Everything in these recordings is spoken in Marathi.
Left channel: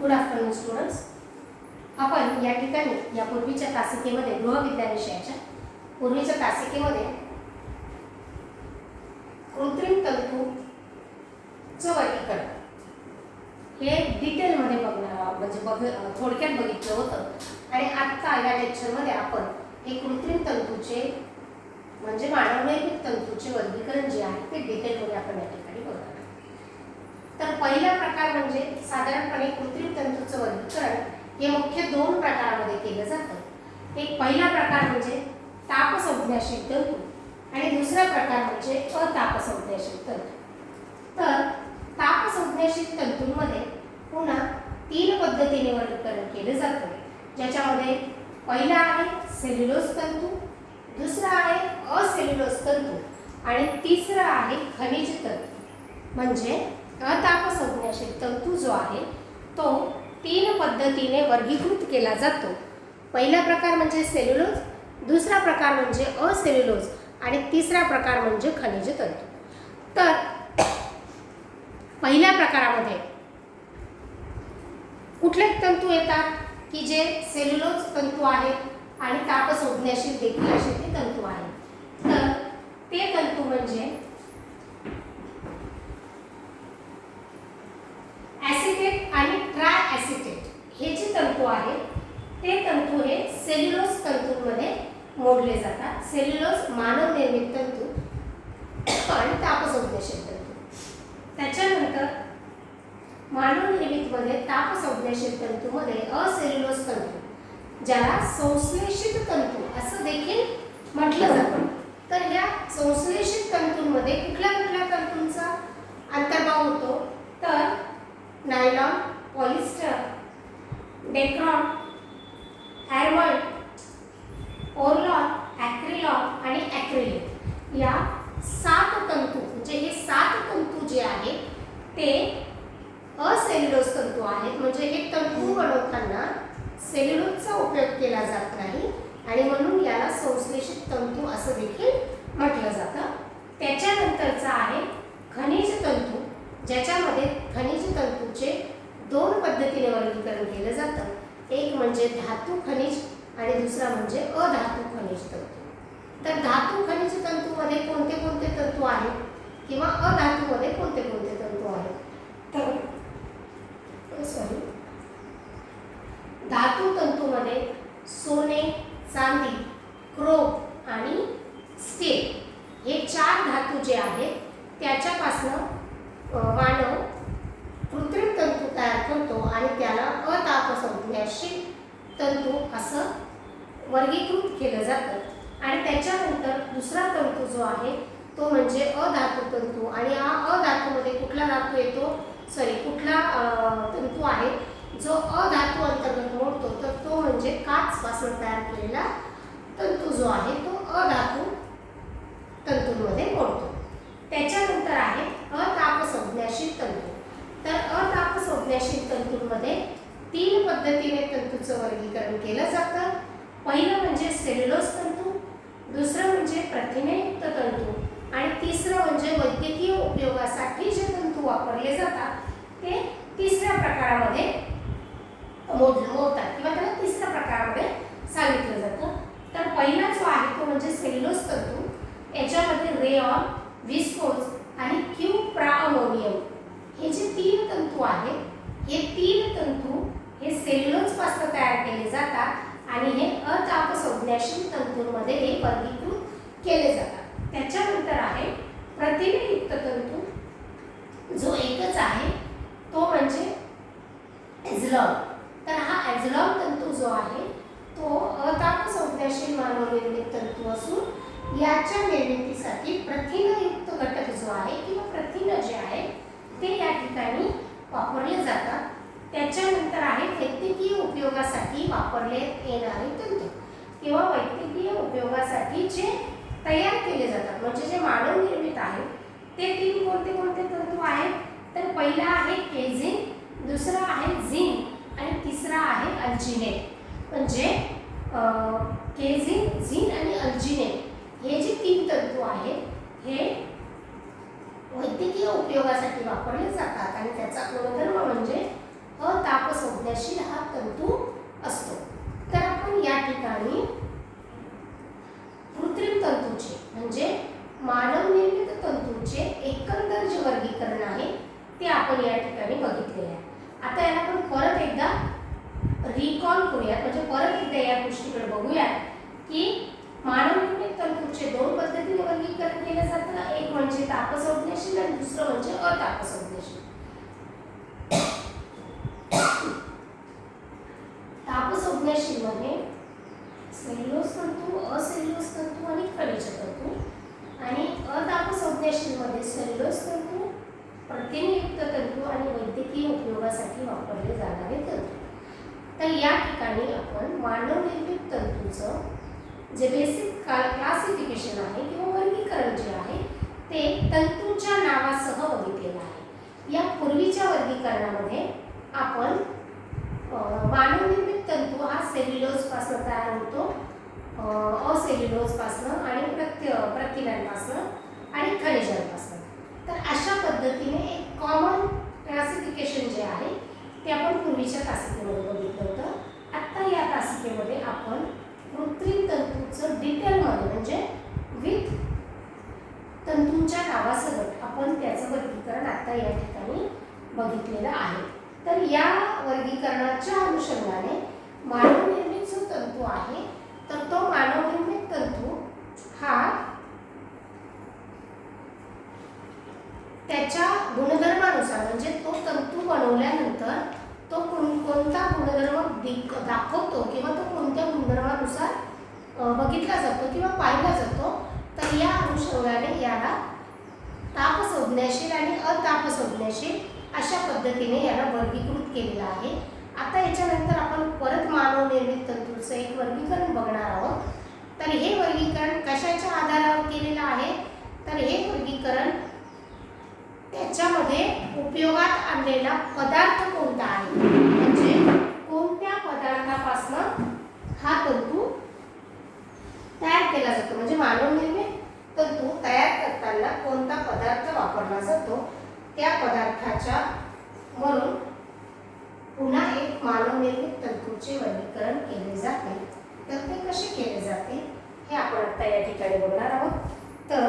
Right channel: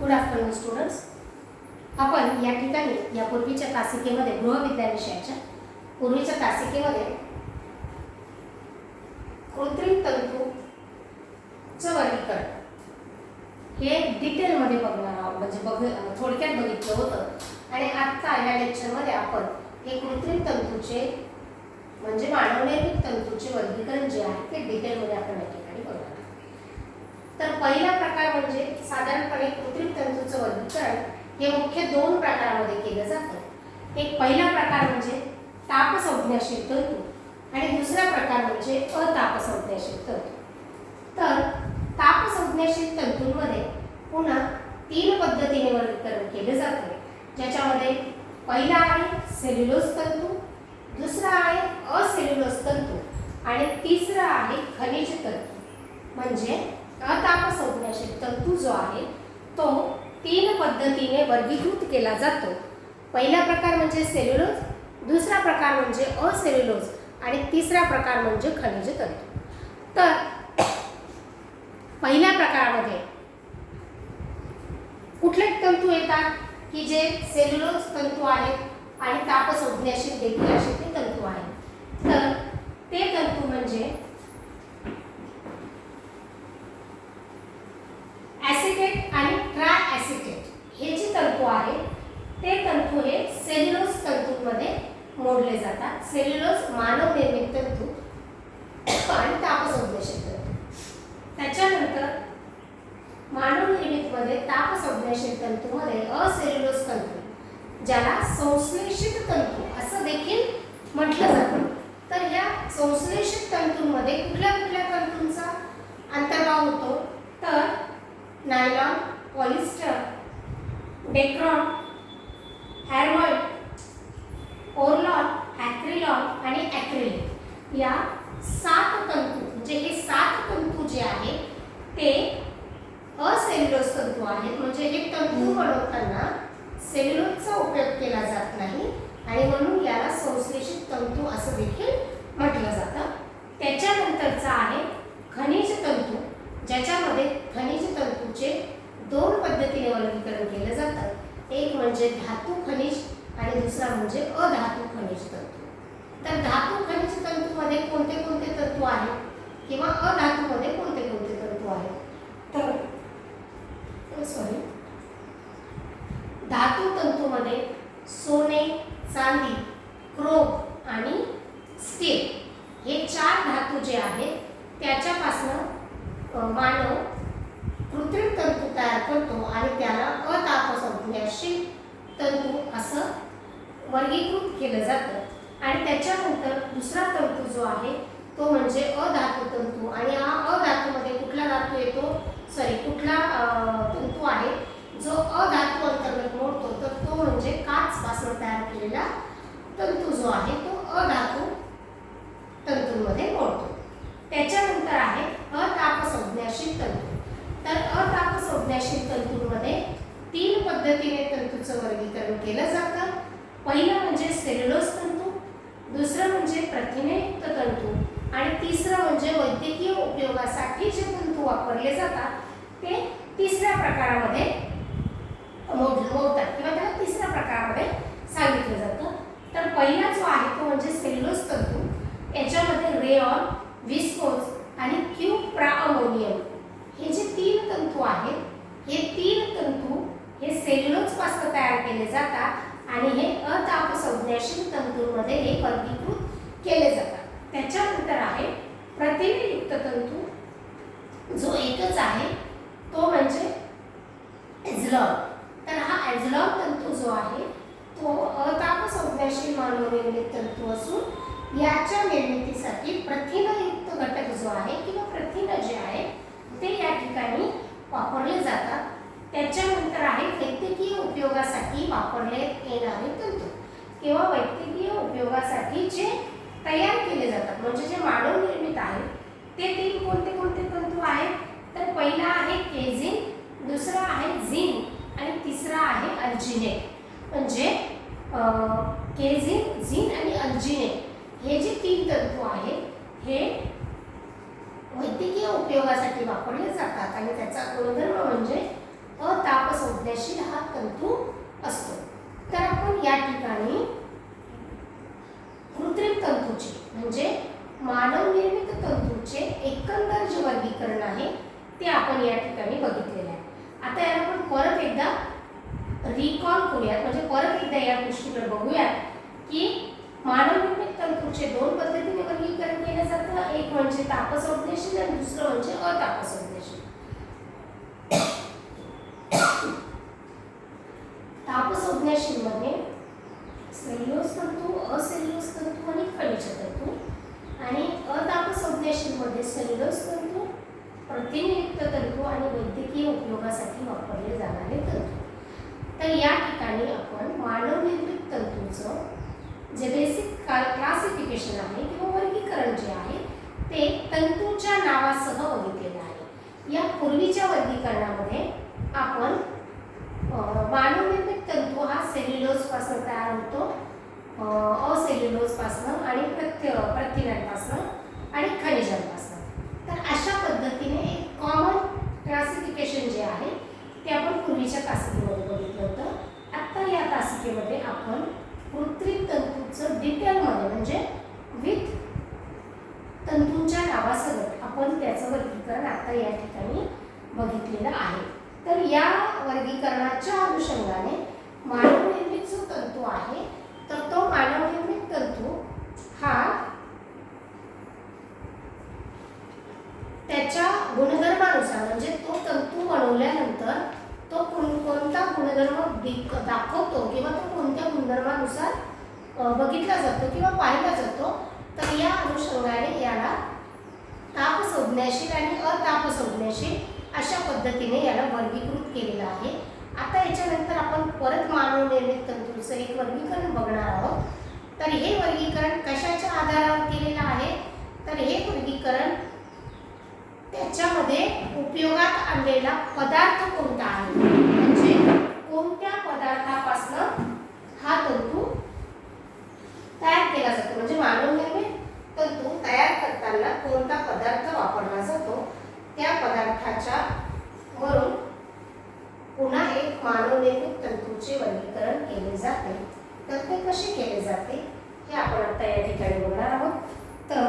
Good afternoon students. आपण या ठिकाणी या पूर्वीच्या तासिकेमध्ये गृहविज्ञान विषयाच्या पूर्वीच्या तासिकेमध्ये कृत्रिम तंतूचं वर्गीकरण हे डिटेलमध्ये बघणार आहोत, म्हणजे थोडक्यात बघितलं होतं. आणि आत्ता या लेक्चरमध्ये आपण हे कृत्रिम तंतूचे म्हणजे मानवनिर्मित तंतूचे वर्गीकरण जे आहे ते डिटेलमध्ये आपण या ठिकाणी बघणार आहोत. तर पहिला प्रकार म्हणजे साधारणपणे कृत्रिम तंतूचं वर्गीकरण हे मुख्य दोन प्रकारामध्ये केलं जातं. एक पहिला प्रकार म्हणजे तापसंज्ञाशील तंतू आणि दुसरा प्रकार म्हणजे अतापसंज्ञाशील तंतू. तर तापसंज्ञाशील तंतूंमध्ये पुन्हा तीन पद्धतीने वर्गीकरण केले जाते, ज्याच्यामध्ये पहिला आहे सेल्युलोज तंतू, दुसरा आहे असेल्युलोज तंतू आणि तिसरा आहे खनिज तंतू. म्हणजे अतापसंज्ञाशील तंतू जो आहे तो तीन पद्धतीने वर्गीकृत केला जातो. पहिला प्रकार म्हणजे सेल्युलोज, दुसरा प्रकार म्हणजे असेल्युलोज आणि तिसरा प्रकार म्हणजे खनिज तंतू. तर पहिल्या प्रकारामध्ये कुठले तंतू येतात की जे सेल्युलोज तंतू आहेत आणि तापसंज्ञाशील देखील असे ते तंतू आहेत. तर ते तंतू म्हणजे ॲसिटेट आणि ट्राय ॲसिटेट हे जे तंतू आहेत ते तंतू हे सेल्युलोज तंतूंमध्ये मोडले जातात. सेल्युलोज मानव निर्मित तंतू आणि तापसंज्ञाशील तंतू. त्याच्यानंतर मानव निर्मित मध्ये तापसंज्ञाशील तंतूमध्ये असेल्युलोज तंतू ज्याला संश्लेषित तंतू असं देखील म्हटलं जातं. तर या संश्लेषित तंतूंमध्ये कुठल्या कुठल्या तंतूंचा अंतर्भाव होतो तर नायलॉन, पॉलिस्टर, डेक्रॉन, हॅरमॉइड, पोरलॉन, ॲक्रिलॉन आणि ॲक्रिलिक या 7 तंतू म्हणजे हे 7 तंतू जे आहेत ते असेल्युलोज तंतू आहेत. म्हणजे हे तंतू बनवताना सेल्युलोजचा उपयोग केला जात नाही आणि म्हणून याला संश्लेषित तंतू असं देखील म्हटलं जातं. त्याच्यानंतरचा आहे खनिज तंतू, ज्याच्यामध्ये खनिज तंतूचे दोन पद्धतीने वर्गीकरण केलं जातं. एक म्हणजे धातू खनिज आणि दुसरा म्हणजे अधातू खनिज तंतू. तर धातू खनिज तंतूमध्ये कोणते कोणते तंतू आहेत किंवा अधातूमध्ये कोणते कोणते तंतू आहेत तर धातू तंतूमध्ये सोने, चांदी, क्रोम आणि स्टील हे 4 धातू जे आहेत त्याच्यापासून मानव कृत्रिम तंतू तयार करतो आणि त्याला अतापसंज्ञाशील तंतू असं वर्गीकृत केलं जातं. आणि त्याच्यानंतर दुसरा तंतू जो आहे तो म्हणजे अधातू तंतू. आणि हा अधातूमध्ये कुठला धातू येतो कुठला तंतू आहे जो अधातू अंतर्गत मोडतो तर तो म्हणजे काच पासून तयार केलेला तंतू जो आहे तो अधातू तंतूंमध्ये मोडतो. त्याच्यानंतर आहे अतापसंज्ञाशील तंतू. तर अतापसंज्ञाशील तंतूंमध्ये 3 पद्धतीने तंतूचं वर्गीकरण केलं जातं. पहिलं म्हणजे सेल्युलोज तंतू, दुसरं म्हणजे प्रथिनेयुक्त तंतू आणि तिसरं म्हणजे वैद्यकीय उपयोगासाठी जे तंतू वापरले जातात ते तिसऱ्या प्रकारामध्ये मोडतात किंवा त्याला तिसऱ्या प्रकारामध्ये सांगितलं जातं. तर पहिला जो आहे तो म्हणजे सेल्युलोज तंतू. याच्यामध्ये रेऑन, विस्कोज आणि क्युप्राअमोनियम हे जे 3 तंतू आहेत हे 3 तंतू हे सेल्युलोज पासून तयार केले जातात आणि हे अतापसंज्ञाशील तंतूंमध्ये हे वर्गीकृत केले जातात. त्याच्यानंतर आहे प्रथिनेयुक्त तंतू जो एकच आहे तो म्हणजे ॲझलॉन. तर हा ॲझलॉन तंतू जो आहे तो अतापसंज्ञाशील मानवनिर्मित तंतू असून याच्या निर्मितीसाठी प्रथिनयुक्त घटक जो आहे किंवा प्रथिन जे आहे ते या ठिकाणी वापरले जातात. त्याच्यानंतर आहे वैद्यकीय उपयोगासाठी वापरले येणारे तंतू किंवा वैद्यकीय उपयोगासाठी जे तयार केले जातात म्हणजे जे मानव निर्मित आहे ते 3 कोणते कोणते तंतू आहेत तर पहिला आहे केझिन, दुसरा आहे झिंक आणि तिसरा आहे अल्जिनेट. म्हणजे केझिन, झिंक आणि अल्जिनेट हे जे 3 तंतू आहेत हे वैद्यकीय उपयोगासाठी वापरले जातात आणि त्याचा गुणधर्म म्हणजे अतापसंज्ञाशील हा तंतू असतो. तर आपण या ठिकाणी कृत्रिम तंतूचे म्हणजे मानव निर्मित तंतूचे एकंदर जे वर्गीकरण आहे ते आपण या ठिकाणी बघितलेले आहे. आता याला आपण परत एकदा रिकॉल करूयात, म्हणजे परत एकदा या गोष्टीकडे बघूयात की मानव निर्मित तंतूचे दोन पद्धतीने वर्गीकरण केले जातं. एक म्हणजे तापसंज्ञाशील आणि दुसरं म्हणजे अतापसंज्ञाशील. तापसंज्ञाशील मध्ये सेल्युलोज तंतू, असेल्युलोज तंतू आणि खनिज तंतू, आणि अतापसंज्ञाशील मध्ये सेल्युलोज तंतू, प्रथिनयुक्त तंतू आणि वैद्यकीय उपयोगासाठी वापरले जाणारे तंतू. तर या ठिकाणी आपण मानव निर्मित तंतूचं जे बेसिक क्लासिफिकेशन आहे किंवा वर्गीकरण जे आहे ते तंतूच्या नावासह बघितलेलं आहे. या पूर्वीच्या वर्गीकरणामध्ये आपण मानव निर्मित तंतू हा सेल्युलोज पासून तयार होतो, असेल्युलोज पासून आणि प्रथिनांपासून आणि खनिजांपासून. तर अशा पद्धतीने एक कॉमन क्लासिफिकेशन जे आहे ते आपण पूर्वीच्या तासिकेमध्ये बघितलं होतं. आता या तासिकेमध्ये आपण कृत्रिम तंतूचं डिटेलमध्ये म्हणजे विथ तंतूंच्या नावासकट आपण त्याचं वर्गीकरण आता या ठिकाणी बघितलेलं आहे. तर या वर्गीकरणाच्या अनुषंगाने मानव निर्मित जो तंतू आहे तर तो मानव निर्मित तंतू हा त्याच्या गुणधर्मानुसार म्हणजे तो तंतू बनवल्यानंतर तो कोणता गुणधर्म दाखवतो किंवा तो कोणत्या गुणधर्मानुसार बघितला जातो किंवा पाहिला जातो, तर या अनुषंगाने याला तापसंज्ञाशील आणि अतापसंज्ञाशील अशा पद्धतीने याला वर्गीकृत केलेलं आहे. आता याच्यानंतर आपण परत मानव निर्मित तंतूचं एक वर्गीकरण बघणार आहोत. तर हे वर्गीकरण कशाच्या आधारावर केलेलं आहे, तर हे वर्गीकरण त्याच्यामध्ये उपयोगात आणलेला पदार्थ कोणता आहे, म्हणजे कोणत्या पदार्थापासून हा तंतू तयार केला जातो, म्हणजे मानव निर्मित तंतू तयार करताना कोणता पदार्थ वापरला जातो त्या पदार्थाच्या वरून पुन्हा एक मानव निर्मित तंतूचे वर्गीकरण केले जाते. तर ते कसे केले जाते हे आपण आता या ठिकाणी बघणार आहोत. तर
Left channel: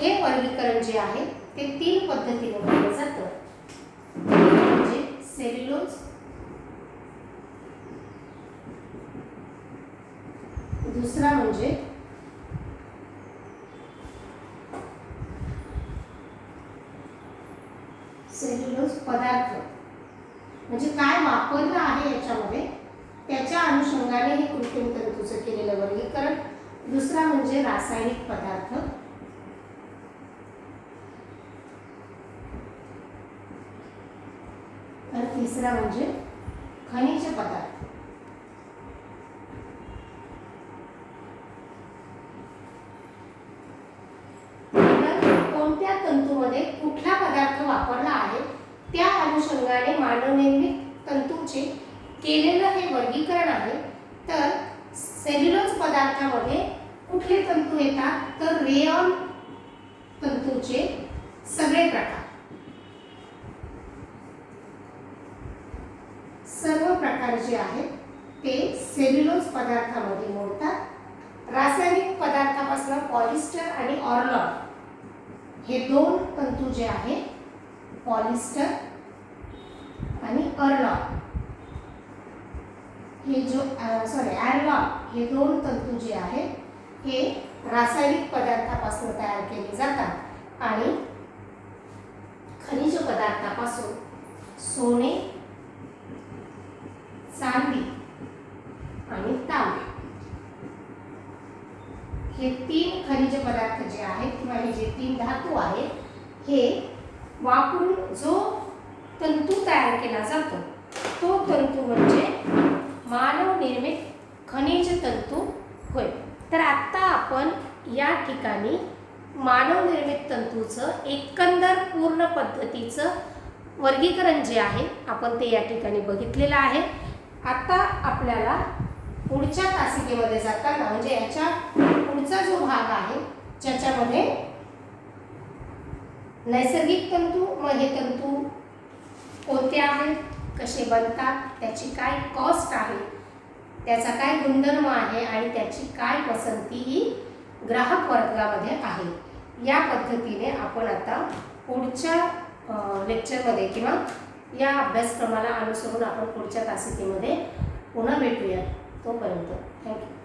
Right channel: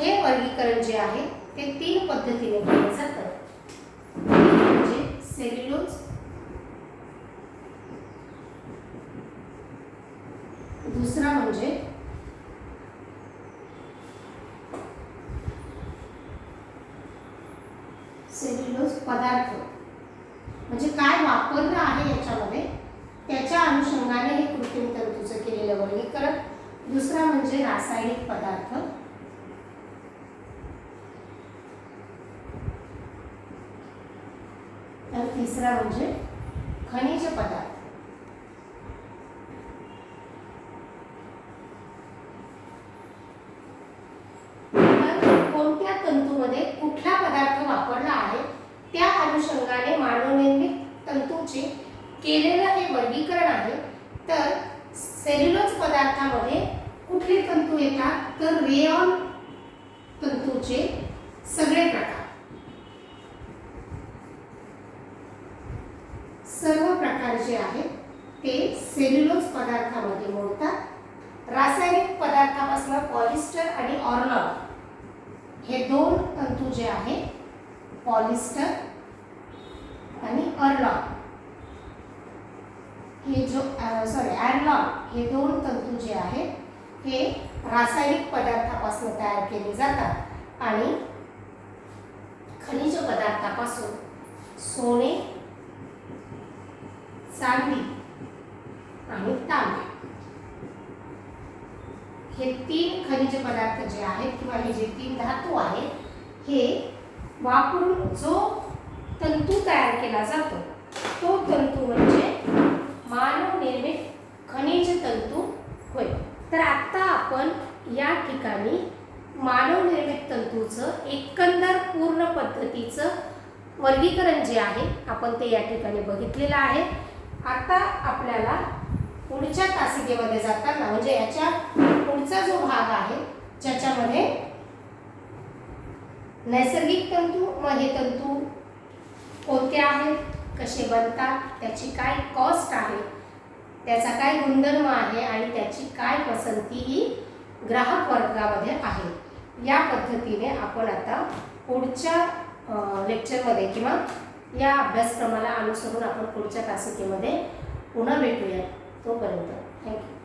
हे वर्गीकरण जे आहे ते तीन पद्धतीने केले जातं. म्हणजे सेल्युलोज, दुसरा म्हणजे सेल्युलोज पदार्थ म्हणजे काय वापरलं आहे याच्यामध्ये त्याच्या अनुषंगाने हे कृत्रिम तंतूचं केलेलं वर्गीकरण. दुसरा म्हणजे रासायनिक पदार्थ, तर तिसरा म्हणजे खनिज पदार्थ. कोणत्या तंतूमध्ये कुठला पदार्थ वापरला आहे त्या अनुषंगाने मानव निर्मित तंतूचे केलेलं हे वर्गीकरण आहे. तर सेल्युलोज पदार्थामध्ये कुठले तंतू येतात, तर रेयॉन तंतूचे सगळे प्रकार, सर्व प्रकार जे आहेत ते सेल्युलोज पदार्थामध्ये मोडतात. रासायनिक पदार्थापासून पॉलिस्टर आणि ऑर्लॉन हे दोन तंतू जे आहेत, पॉलिस्टर आणि ऑर्लॉन हे जो ॲरलॉन हे दोन तंतू जे आहेत हे रासायनिक पदार्थापासून तयार केले जातात आणि खनिज पदार्थापासून सोने, चांदी आणि तांबे हे तीन खनिज पदार्थ जे आहेत किंवा हे जे तीन धातू आहेत हे वापरून जो तंतू तयार केला जातो तो तंतू म्हणजे मानव निर्मित खनिज तंतू होय. तर आता आपण या ठिकाणी मानव निर्मित तंतूचं एकंदर पूर्ण पद्धतीचं वर्गीकरण जे आहे आपण ते या ठिकाणी बघितलेलं आहे. आता आपल्याला पुढच्या तासिकेमध्ये जाताना म्हणजे याच्या पुढचा जो भाग आहे ज्याच्यामध्ये नैसर्गिक तंतू, मग हे तंतू कोणते आहेत, कसे बनतात, त्याची काय कॉस्ट आहे, त्याचा काय गुणधर्म आहे आणि त्याची काय पसंती ही ग्राहक वर्गामध्ये आहे. या पद्धतीने आपण आता पुढच्या लेक्चरमध्ये किंवा या अभ्यासक्रमाला अनुसरून आपण पुढच्या तासिकेमध्ये पुन्हा भेटूया. तोपर्यंत थँक्यू.